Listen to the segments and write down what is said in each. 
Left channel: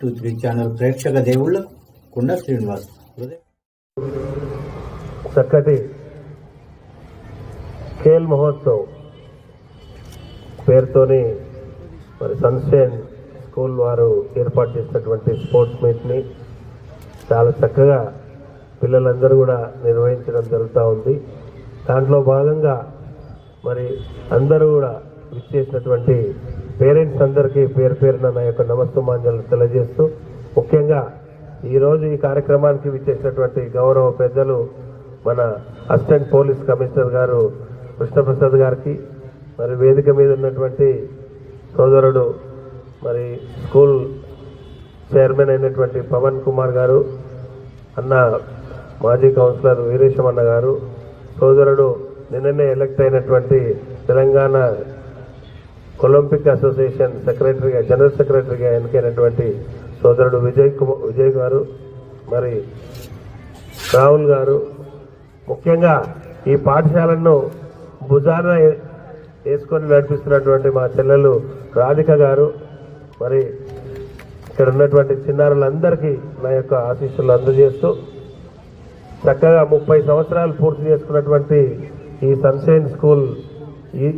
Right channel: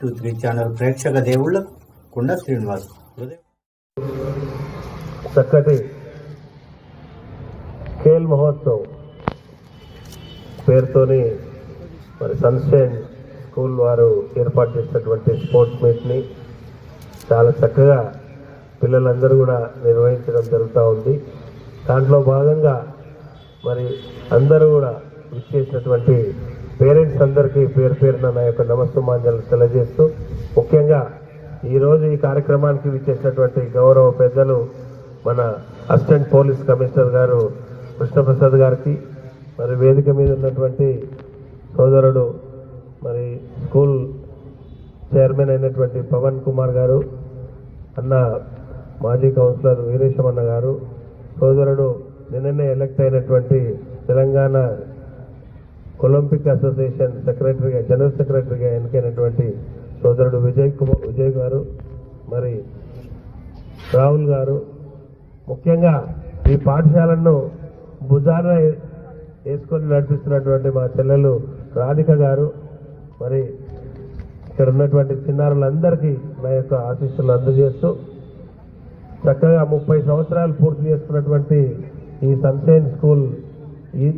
Three channel ప్రేక్షక దేవుళ్ళకు కుండ శ్రీనివాస్ చక్కటి ఖేల్ మహోత్సవ్ పేరుతోని మరి సన్షైన్ స్కూల్ వారు ఏర్పాటు చేసినటువంటి స్పోర్ట్స్ మీట్ని చాలా చక్కగా పిల్లలందరూ కూడా నిర్వహించడం జరుగుతూ ఉంది. దాంట్లో భాగంగా మరి అందరూ కూడా విచ్చేసినటువంటి పేరెంట్స్ అందరికీ పేరు పేరున నా యొక్క నమస్తమాంజలు తెలియజేస్తూ ముఖ్యంగా ఈరోజు ఈ కార్యక్రమానికి విచ్చేసినటువంటి గౌరవ పెద్దలు మన అసిస్టెంట్ పోలీస్ కమిషనర్ గారు కృష్ణప్రసాద్ గారికి మరి వేదిక మీద ఉన్నటువంటి సోదరుడు మరి స్కూల్ చైర్మన్ అయినటువంటి పవన్ కుమార్ గారు అన్న మాజీ కౌన్సిలర్ వీరేశమన్న గారు సోదరుడు నిన్ననే ఎలక్ట్ అయినటువంటి తెలంగాణ ఒలింపిక్ అసోసియేషన్ సెక్రటరీగా జనరల్ సెక్రటరీగా ఎన్నికైనటువంటి సోదరుడు విజయ్ కుమార్ విజయ్ గారు మరి రాహుల్ గారు ముఖ్యంగా ఈ పాఠశాలను భుజాన వేసుకొని నడిపిస్తున్నటువంటి మా చెల్లెలు రాధిక గారు మరి ఇక్కడ ఉన్నటువంటి చిన్నారులందరికీ నా యొక్క ఆశీస్సులు అందజేస్తూ చక్కగా ముప్పై సంవత్సరాలు పూర్తి చేసుకున్నటువంటి ఈ సన్షైన్ స్కూల్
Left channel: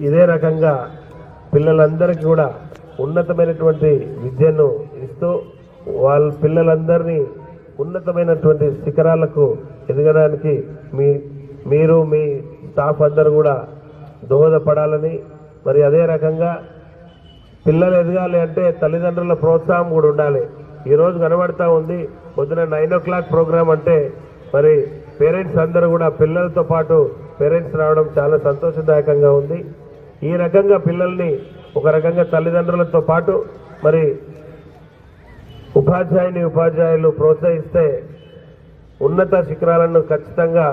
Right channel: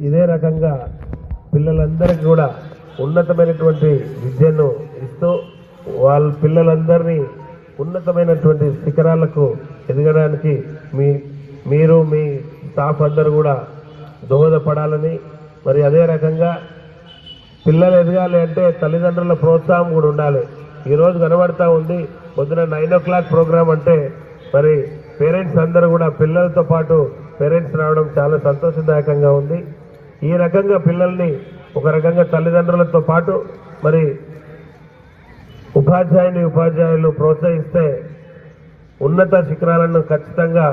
ఇదే రకంగా పిల్లలందరికీ కూడా ఉన్నతమైనటువంటి విద్యను ఇస్తూ వాళ్ళ పిల్లలందరినీ ఉన్నతమైనటువంటి శిఖరాలకు ఎదగడానికి మీ మీరు మీ స్టాఫ్ అందరు కూడా దోహదపడాలని మరి అదే రకంగా పిల్లలు ఎదగాలి అంటే తల్లిదండ్రుల ప్రోత్సాహం కూడా ఉండాలి. ఈరోజు కనబడతా ఉంది పొద్దున నైన్ ఓ క్లాక్ ప్రోగ్రామ్ అంటే మరి పేరెంట్స్ అందరూ కూడా పిల్లలతో పాటు పేరెంట్స్ రావడం చాలా సంతోషదాయకంగా ఉంది. ఈ రకంగా పిల్లల్ని ఒక రకంగా తల్లిదండ్రులతో పాటు మరి ఉపాధ్యాయుని ఉపాధ్యాయులు ప్రోత్సహిస్తే ఉన్నత శిఖరాలను ఖచ్చితంగా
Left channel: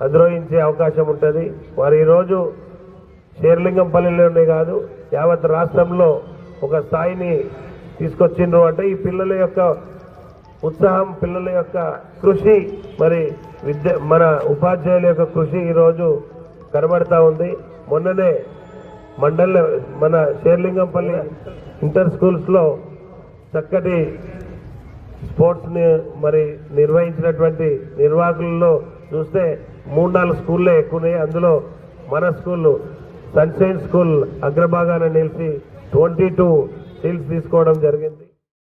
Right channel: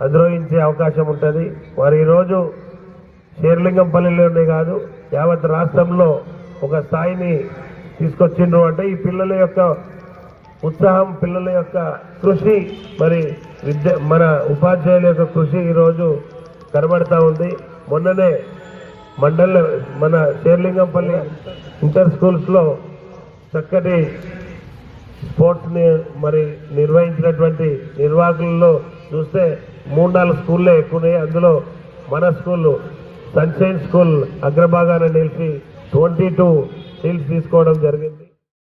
అధిరోహించే అవకాశం ఉంటుంది. వారు ఈరోజు షేర్లింగంపల్లిలోనే కాదు యావత్ రాష్ట్రంలో ఒక స్థాయిని తీసుకొచ్చిండ్రు అంటే ఈ పిల్లల యొక్క ఉత్సాహం పిల్లల యొక్క కృషి మరి విద్య మన ఉపాధ్యాయుల యొక్క కృషి ఈరోజు కనబడతా ఉంది. మొన్ననే మండలి మన శేర్లింగంపల్లి ఇంటర్ స్కూల్స్లో చక్కటి స్పోర్ట్స్ని మరి నిర్వహించినటువంటి నిర్వాహకులలో చూస్తే మూడు నాలుగు స్కూళ్ళే ఎక్కువ అందులో మన స్కూల్ సన్షైన్ స్కూల్ అగ్రభాగాన నిలిచి ట్వంటీ టూ సీల్స్ తీసుకోవడం జరిగింది.